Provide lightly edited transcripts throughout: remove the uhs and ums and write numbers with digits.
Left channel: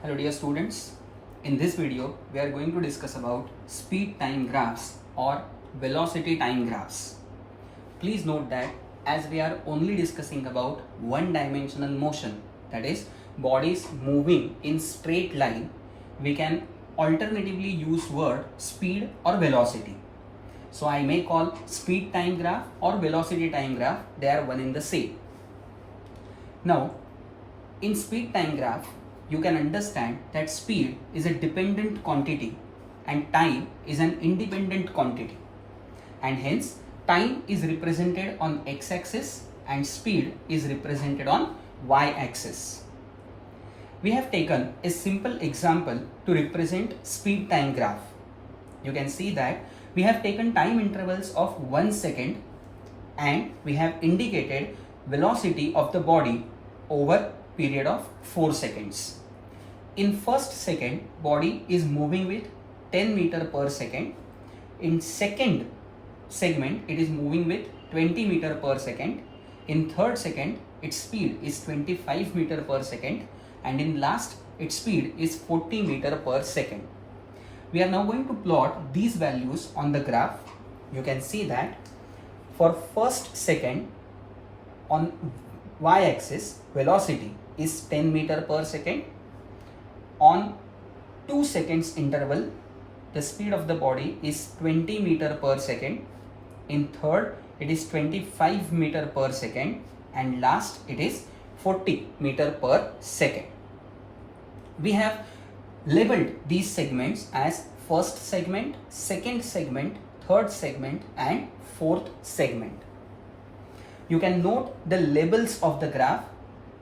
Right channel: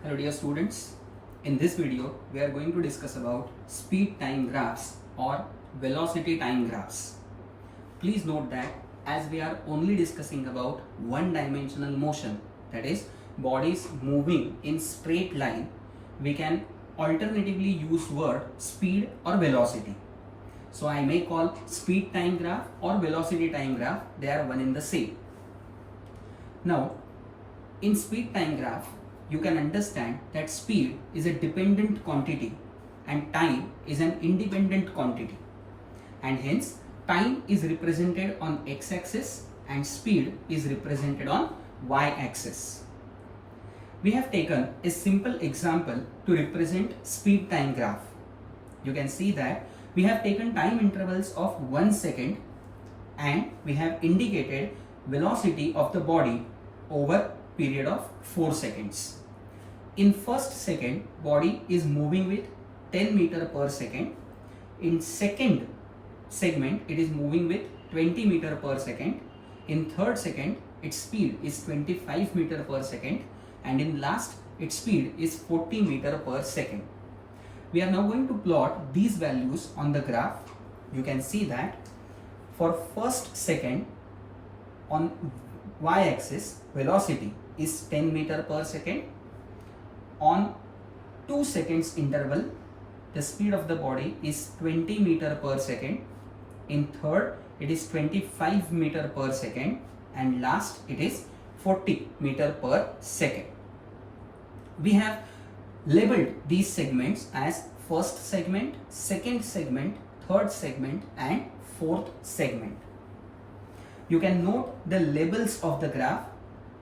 Hello dear students, in this video we are going to discuss about speed time graphs or velocity time graphs. Please note that as we are only discussing about one dimensional motion, that is bodies moving in straight line, we can alternatively use word speed or velocity. So I may call speed time graph or velocity time graph, they are one in the same. Now in speed time graph, you can understand that speed is a dependent quantity and time is an independent quantity, and hence time is represented on x-axis and speed is represented on y-axis. We have taken a simple example to represent speed time graph. You can see that we have taken time intervals of 1 second and we have indicated velocity of the body over period of 4 seconds. In first second, body is moving with 10 meter per second. In second segment, it is moving with 20 meter per second. In third second, its speed is 25 meter per second. And in last, its speed is 40 meter per second. We are now going to plot these values on the graph. You can see that for first second on y-axis, velocity is 10 meter per second. On 2 seconds interval, the speed of the body is 20 meter per second. In third, it is 25 meter per second, and last it is 40 meter per second. We have labeled these segments as first segment, second segment, third segment and fourth segment. You can note the labels of the graph.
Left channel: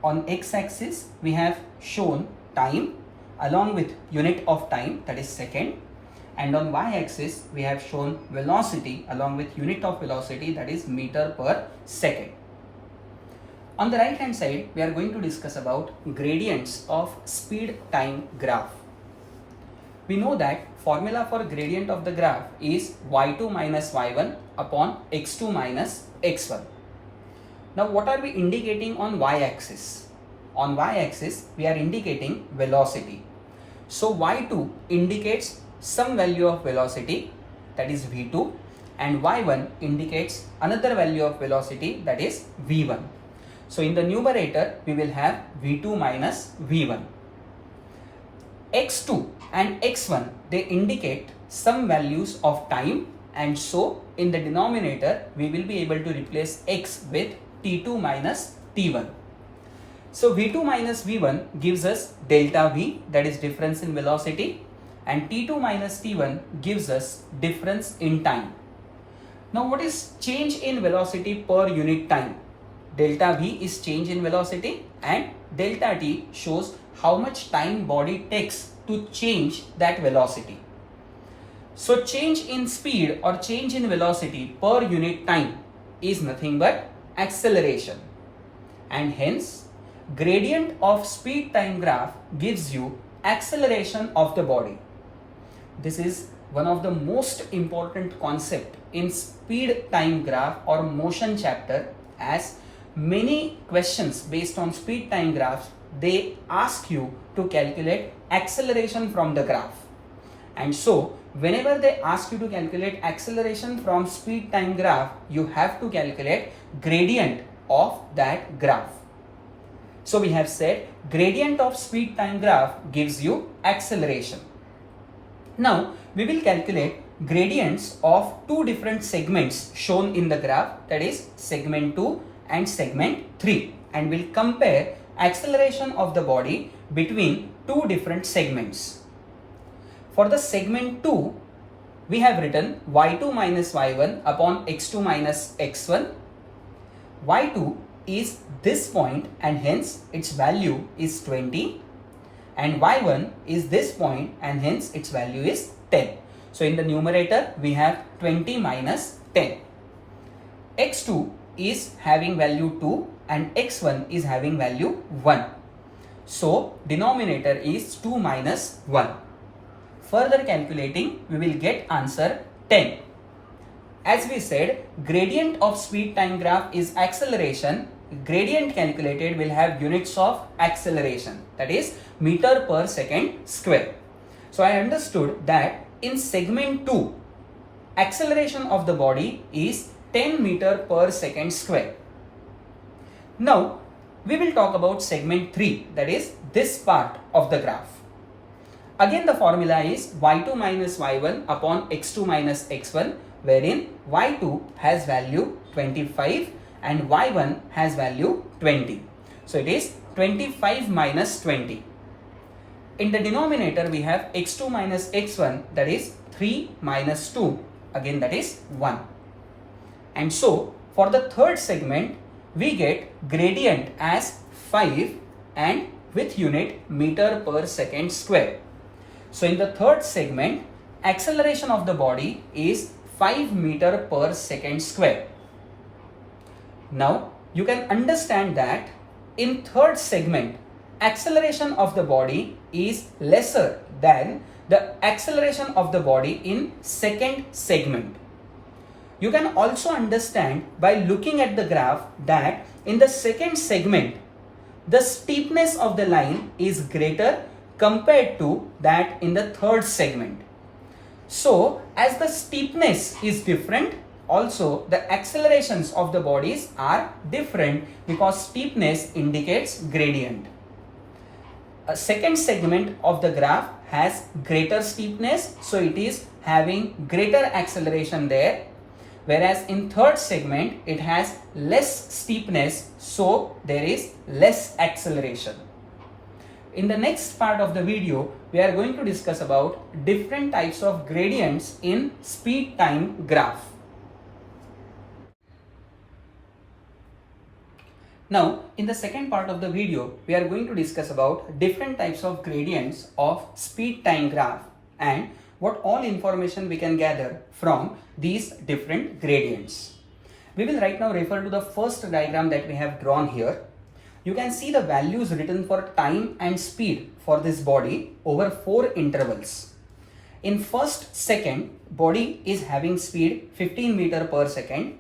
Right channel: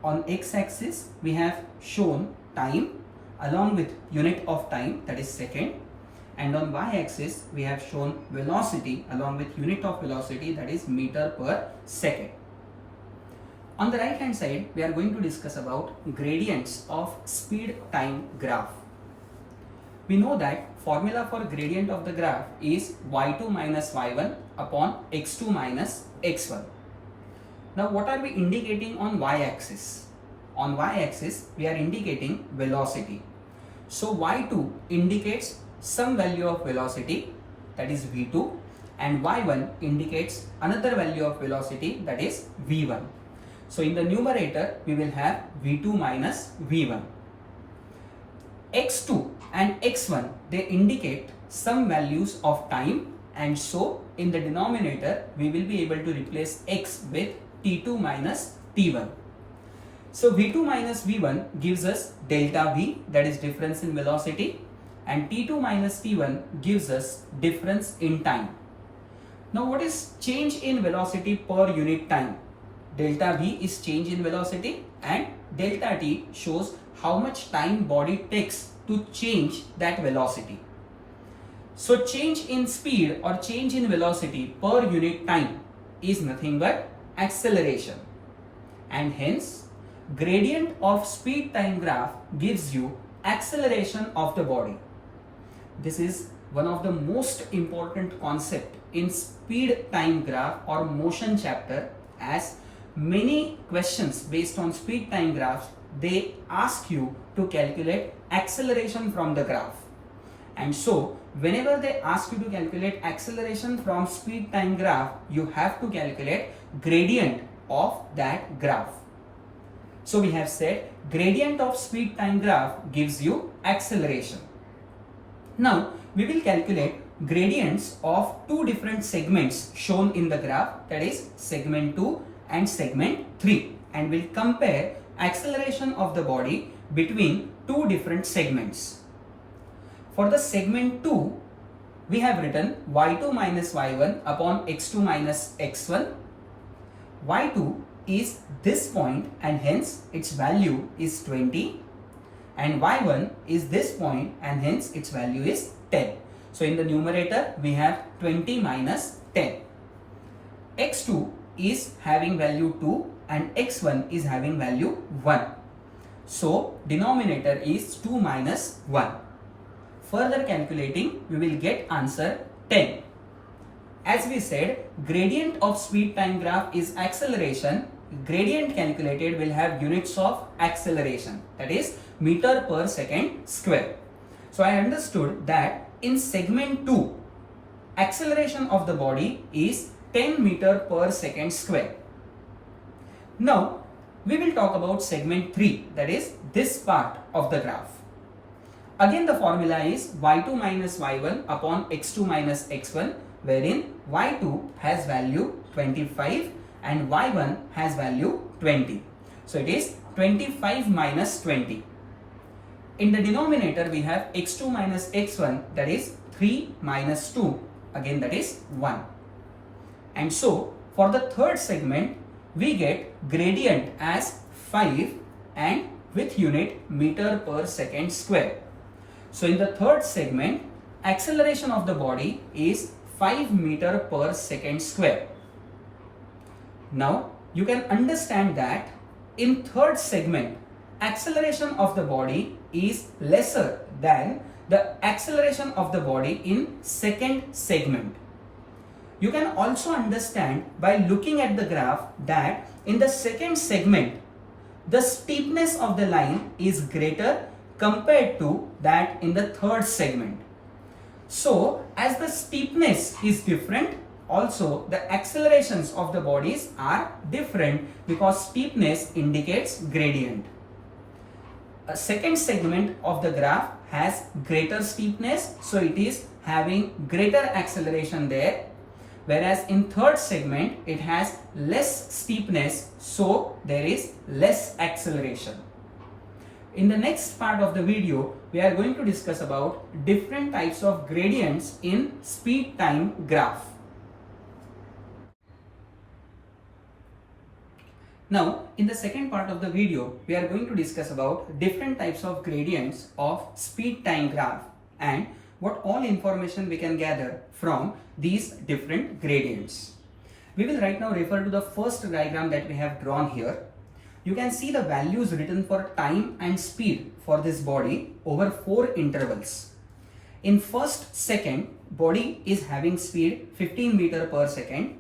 On x-axis, we have shown time along with unit of time, that is second, and on y-axis we have shown velocity along with unit of velocity, that is meter per second. On the right hand side, we are going to discuss about gradients of speed time graph. We know that formula for gradient of the graph is y2 minus y1 upon x2 minus x1. Now what are we indicating on y-axis? On y-axis, we are indicating velocity. So y2 indicates some value of velocity, that is v2, and y1 indicates another value of velocity, that is v1. So in the numerator, we will have v2 minus v1. x2 and x1, they indicate some values of time, and so in the denominator, we will be able to replace x with t2 minus t1. So v2 minus v1 gives us delta v, that is difference in velocity, and t2 minus t1 gives us difference in time. Now what is change in velocity per unit time? Delta v is change in velocity and delta t shows how much time body takes to change that velocity. So change in speed or change in velocity per unit time is nothing but acceleration, and hence gradient of speed time graph gives you acceleration of the body. This is one of the most important concept in speed time graph or motion chapter, as many questions based on speed time graphs, they ask you to calculate acceleration from the graph. And so whenever they ask you to calculate acceleration from speed time graph, you have to calculate gradient of that graph. So we have said gradient of speed time graph gives you acceleration. Now we will calculate gradients of two different segments shown in the graph, that is segment 2 and segment 3, and we'll compare acceleration of the body between two different segments. For the segment 2, we have written y2 minus y1 upon x2 minus x1. y2 is this point and hence its value is 20, and y1 is this point and hence its value is 10. So in the numerator we have 20 minus 10. x2 is having value 2 and x1 is having value 1. So denominator is 2 minus 1. Further calculating, we will get answer 10. As we said, gradient of speed time graph is acceleration, gradient calculated will have units of acceleration, that is meter per second square. So I understood that in segment 2, acceleration of the body is 10 meter per second square. Now we will talk about segment 3, that is this part of the graph. Again the formula is y2 minus y1 upon x2 minus x1, wherein y2 has value 25 and y1 has value 20. So it is 25 minus 20. In the denominator we have x2 minus x1, that is 3 minus 2, again that is 1. And so for the third segment we get gradient as 5 and with unit meter per second square. So in the third segment, acceleration of the body is 5 meter per second square. Now you can understand that in third segment, acceleration of the body is lesser than the acceleration of the body in second segment. You can also understand by looking at the graph that in the second segment, the steepness of the line is greater compared to that in the third segment. So as the steepness is different, also the accelerations of the bodies are different because steepness indicates gradient. A second segment of the graph has greater steepness, so it is having greater acceleration there, whereas in third segment it has less steepness, so there is less acceleration. In the next part of the video, we are going to discuss about different types of gradients in speed time graph. Now, in the second part of the video, we are going to discuss about different types of gradients of speed time graph and what all information we can gather from these different gradients. We will right now refer to the first diagram that we have drawn here. You can see the values written for time and speed for this body over 4 intervals. In first second, body is having speed 15 meter per second.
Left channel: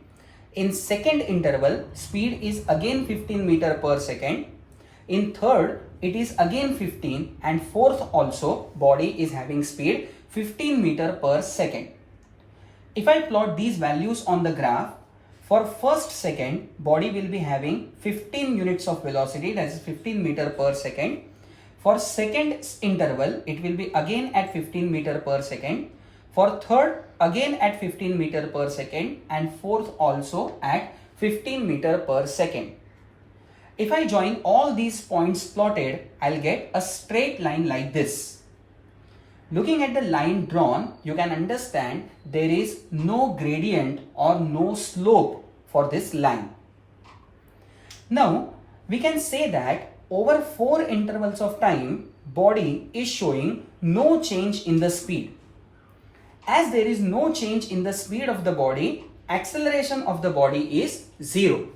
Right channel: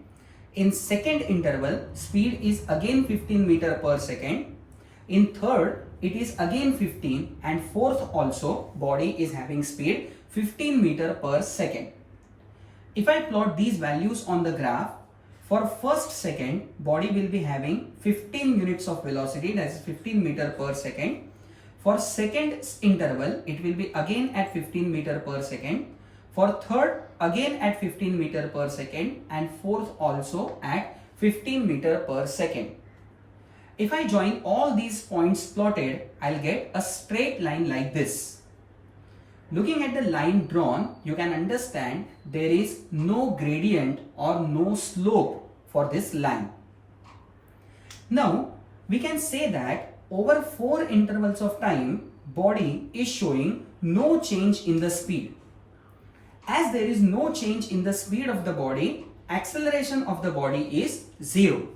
In second interval, speed is again 15 meter per second. In third, it is again 15, and fourth also body is having speed 15 meter per second. If I plot these values on the graph, for first second, body will be having 15 units of velocity, that is 15 meter per second. For second interval, it will be again at 15 meter per second. For third, again at 15 meter per second, and fourth also at 15 meter per second. If I join all these points plotted, I'll get a straight line like this. Looking at the line drawn, you can understand there is no gradient or no slope for this line. Now, we can say that over 4 intervals of time, body is showing no change in the speed. As there is no change in the speed of the body, acceleration of the body is 0,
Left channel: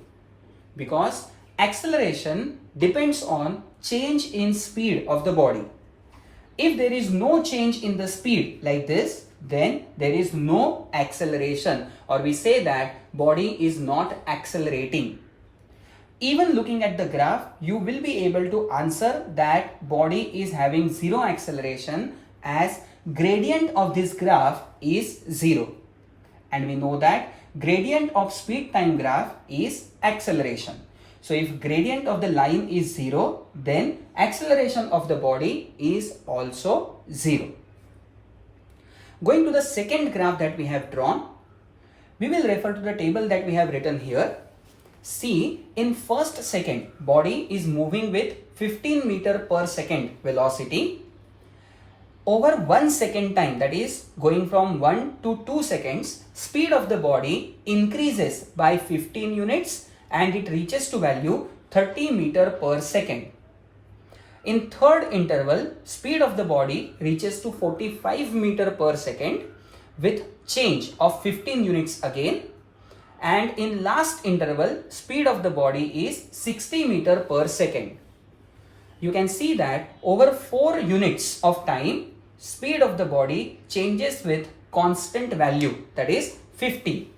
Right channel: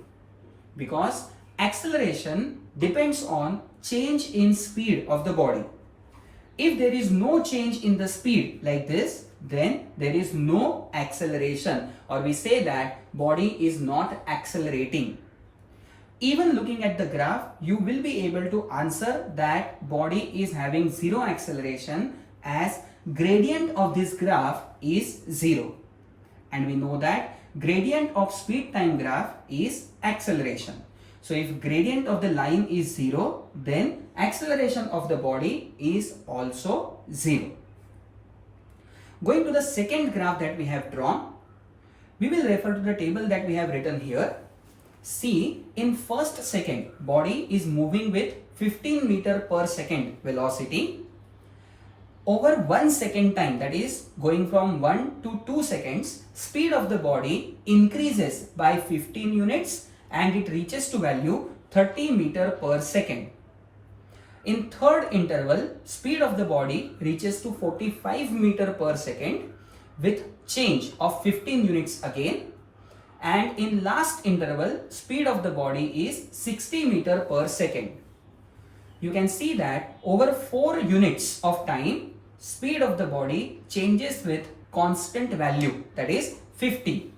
because acceleration depends on change in speed of the body. If there is no change in the speed like this, then there is no acceleration, or we say that body is not accelerating. Even looking at the graph, you will be able to answer that body is having 0 acceleration, as gradient of this graph is 0. And we know that gradient of speed time graph is acceleration. So if gradient of the line is 0, then acceleration of the body is also 0. Going to the second graph that we have drawn, we will refer to the table that we have written here. See, in first second, body is moving with 15 meter per second velocity. Over 1 second time, that is going from 1 to 2 seconds, speed of the body increases by 15 units and it reaches to value 30 meter per second. In third interval, speed of the body reaches to 45 meter per second with change of 15 units again. And in last interval, speed of the body is 60 meter per second. You can see that over 4 units of time, speed of the body changes with constant value, that is 50.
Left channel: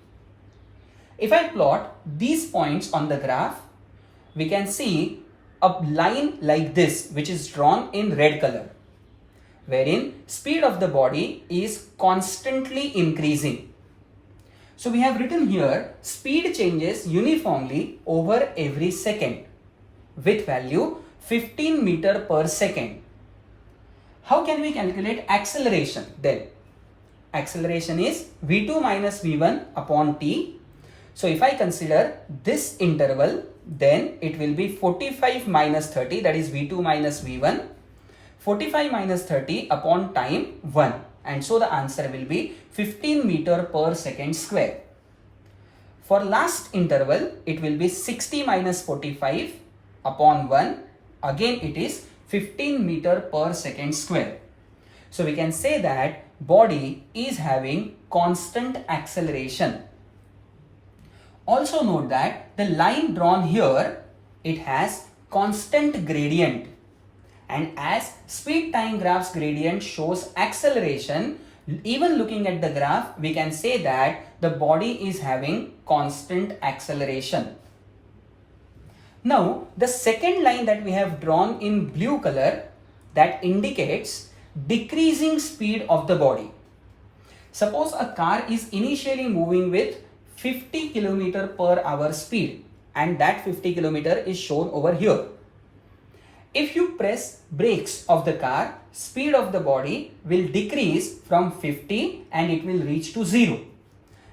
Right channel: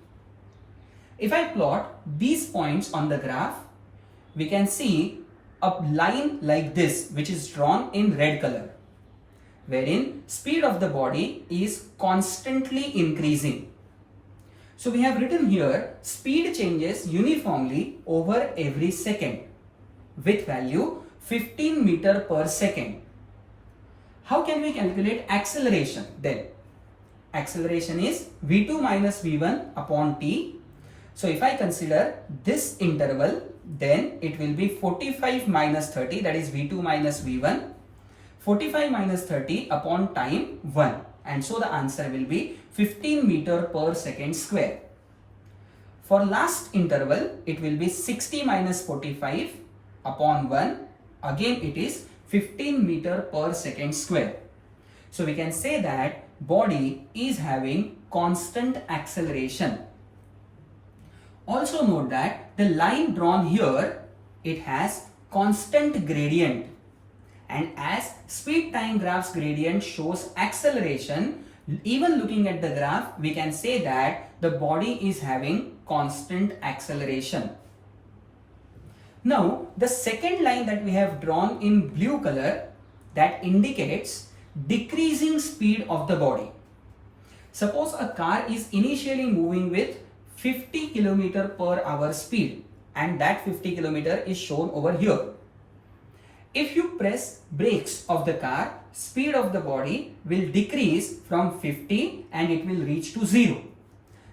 If I plot these points on the graph, we can see a line like this which is drawn in red color, wherein speed of the body is constantly increasing. So we have written here speed changes uniformly over every second with value 15 meter per second. How can we calculate acceleration then? Acceleration is v2 minus v1 upon t. So if I consider this interval, then it will be 45 minus 30, that is v2 minus v1. 45 minus 30 upon time 1, and so the answer will be 15 meter per second square. For last interval, it will be 60 minus 45 upon 1, again it is 15 meter per second square. So we can say that body is having constant acceleration. Also note that the line drawn here, it has constant gradient. And as speed time graph's gradient shows acceleration, even looking at the graph, we can say that the body is having constant acceleration. Now, the second line that we have drawn in blue color, that indicates decreasing speed of the body. Suppose a car is initially moving with 50 km per hour speed, and that 50 km is shown over here. If you press brakes of the car, speed of the body will decrease from 50 and it will reach to 0.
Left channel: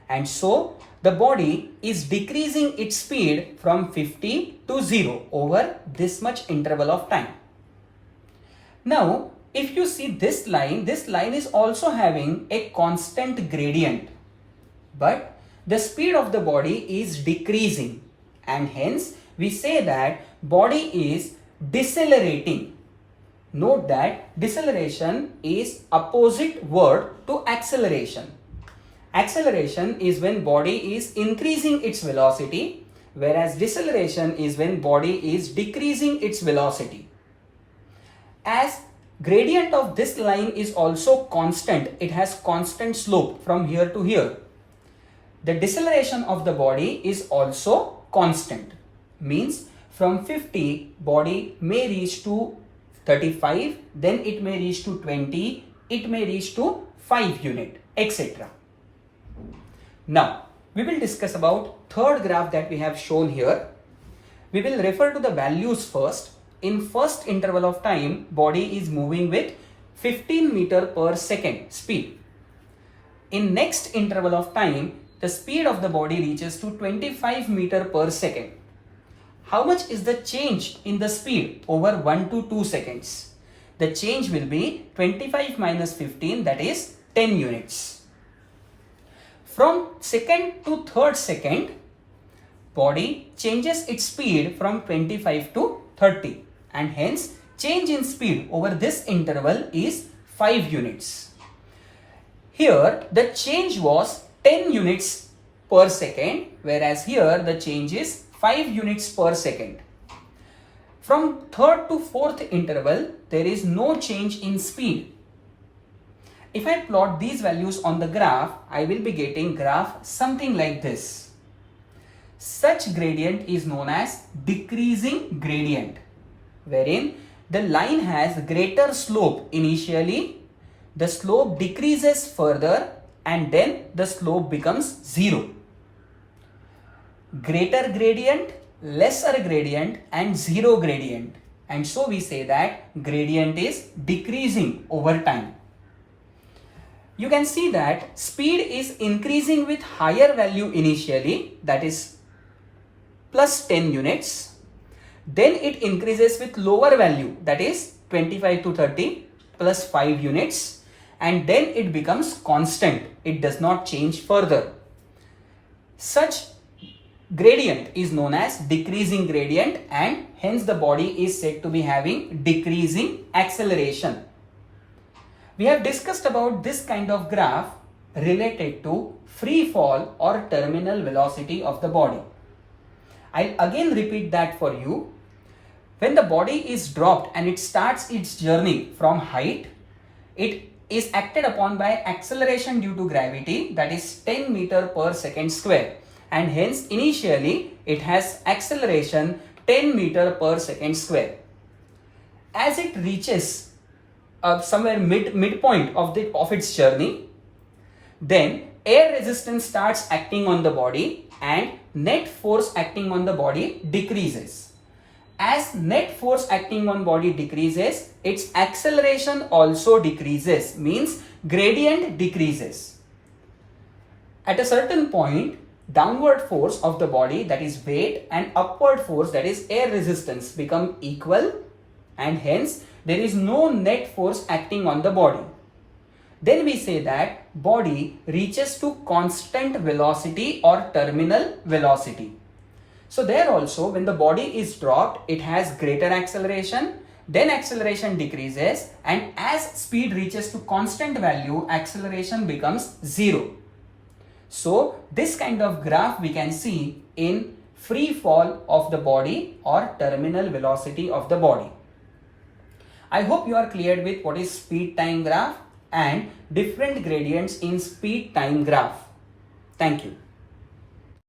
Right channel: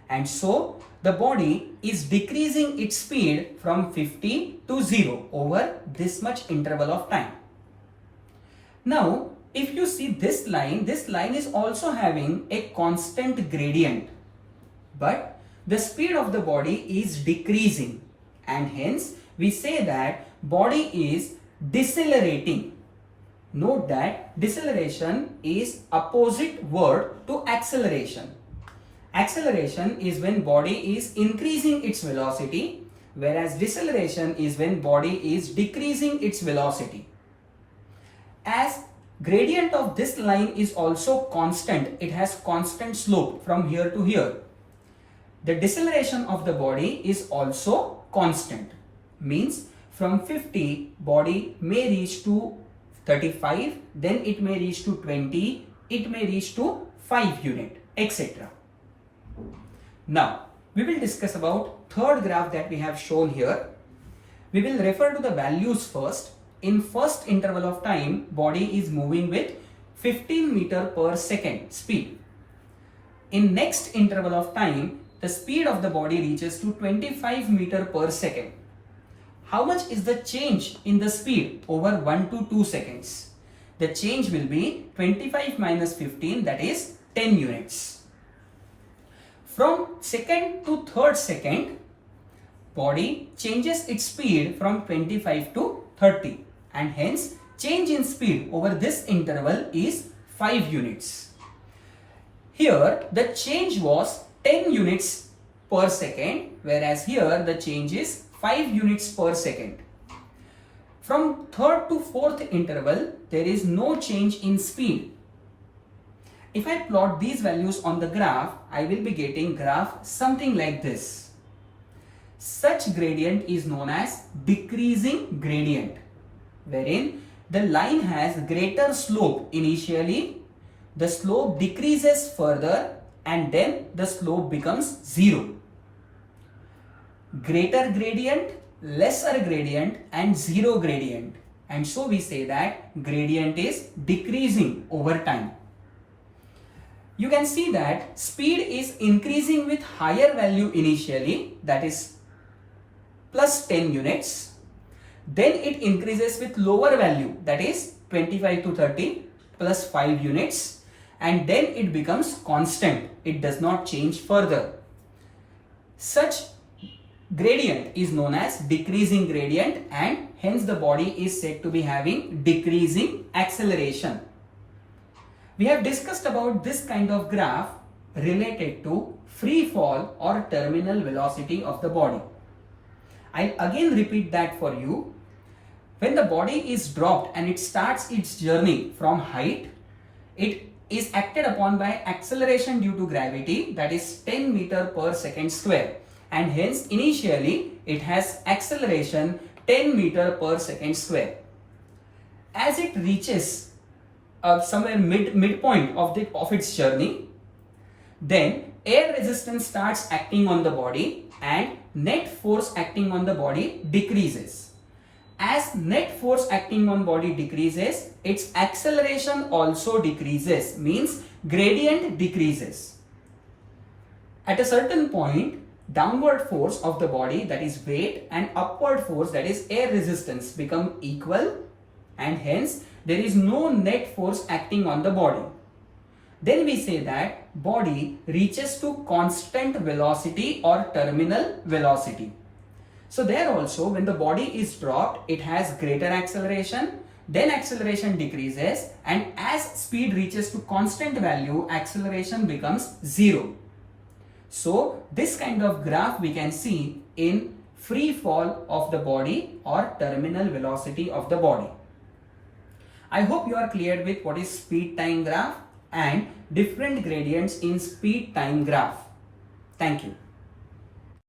And so the body is decreasing its speed from 50 to 0 over this much interval of time. Now, if you see this line is also having a constant gradient, but the speed of the body is decreasing, and hence we say that body is decelerating. Note that deceleration is opposite word to acceleration. Acceleration is when body is increasing its velocity, whereas deceleration is when body is decreasing its velocity. As gradient of this line is also constant, it has constant slope from here to here. The deceleration of the body is also constant, means from 50 body may reach to 35, then it may reach to 20, it may reach to 5 unit, etc. Now, we will discuss about third graph that we have shown here. We will refer to the values first. In first interval of time, body is moving with 15 meter per second speed. In next interval of time, the speed of the body reaches to 25 meter per second. How much is the change in the speed over 1 to 2 seconds? The change will be 25 minus 15, that is 10 units. From second to third second, body changes its speed from 25 to 30, and hence change in speed over this interval is 5 units. Here the change was 10 units per second, whereas here the change is 5 units per second. From third to fourth interval, there is no change in speed. If I plot these values on the graph, I will be getting graph something like this. Such gradient is known as decreasing gradient, wherein the line has greater slope initially, the slope decreases further, and then the slope becomes 0. Greater gradient, lesser gradient, and 0 gradient. And so we say that gradient is decreasing over time. You can see that speed is increasing with higher value initially, that is plus 10 units. Then it increases with lower value, that is 25 to 30 plus 5 units. And then it becomes constant. It does not change further. Such gradient is known as decreasing gradient, and hence the body is said to be having decreasing acceleration. We have discussed about this kind of graph related to free fall or terminal velocity of the body. I'll again repeat that for you. When the body is dropped and it starts its journey from height, it is acted upon by acceleration due to gravity, that is 10 meter per second square, and hence initially it has acceleration 10 meter per second square. As it reaches somewhere midpoint of its journey, then air resistance starts acting on the body and net force acting on the body decreases. As net force acting on body decreases, its acceleration also decreases, means gradient decreases. At a certain point, downward force of the body, that is weight, and upward force, that is air resistance, become equal, and hence there is no net force acting on the body. Then we say that body reaches to constant velocity or terminal velocity. So there also, when the body is dropped, it has greater acceleration, then acceleration decreases, and as speed reaches to constant value, acceleration becomes 0. So this kind of graph we can see in free fall of the body or terminal velocity of the body. I hope you are clear with what is speed time graph and different gradients in speed time graph. Thank you.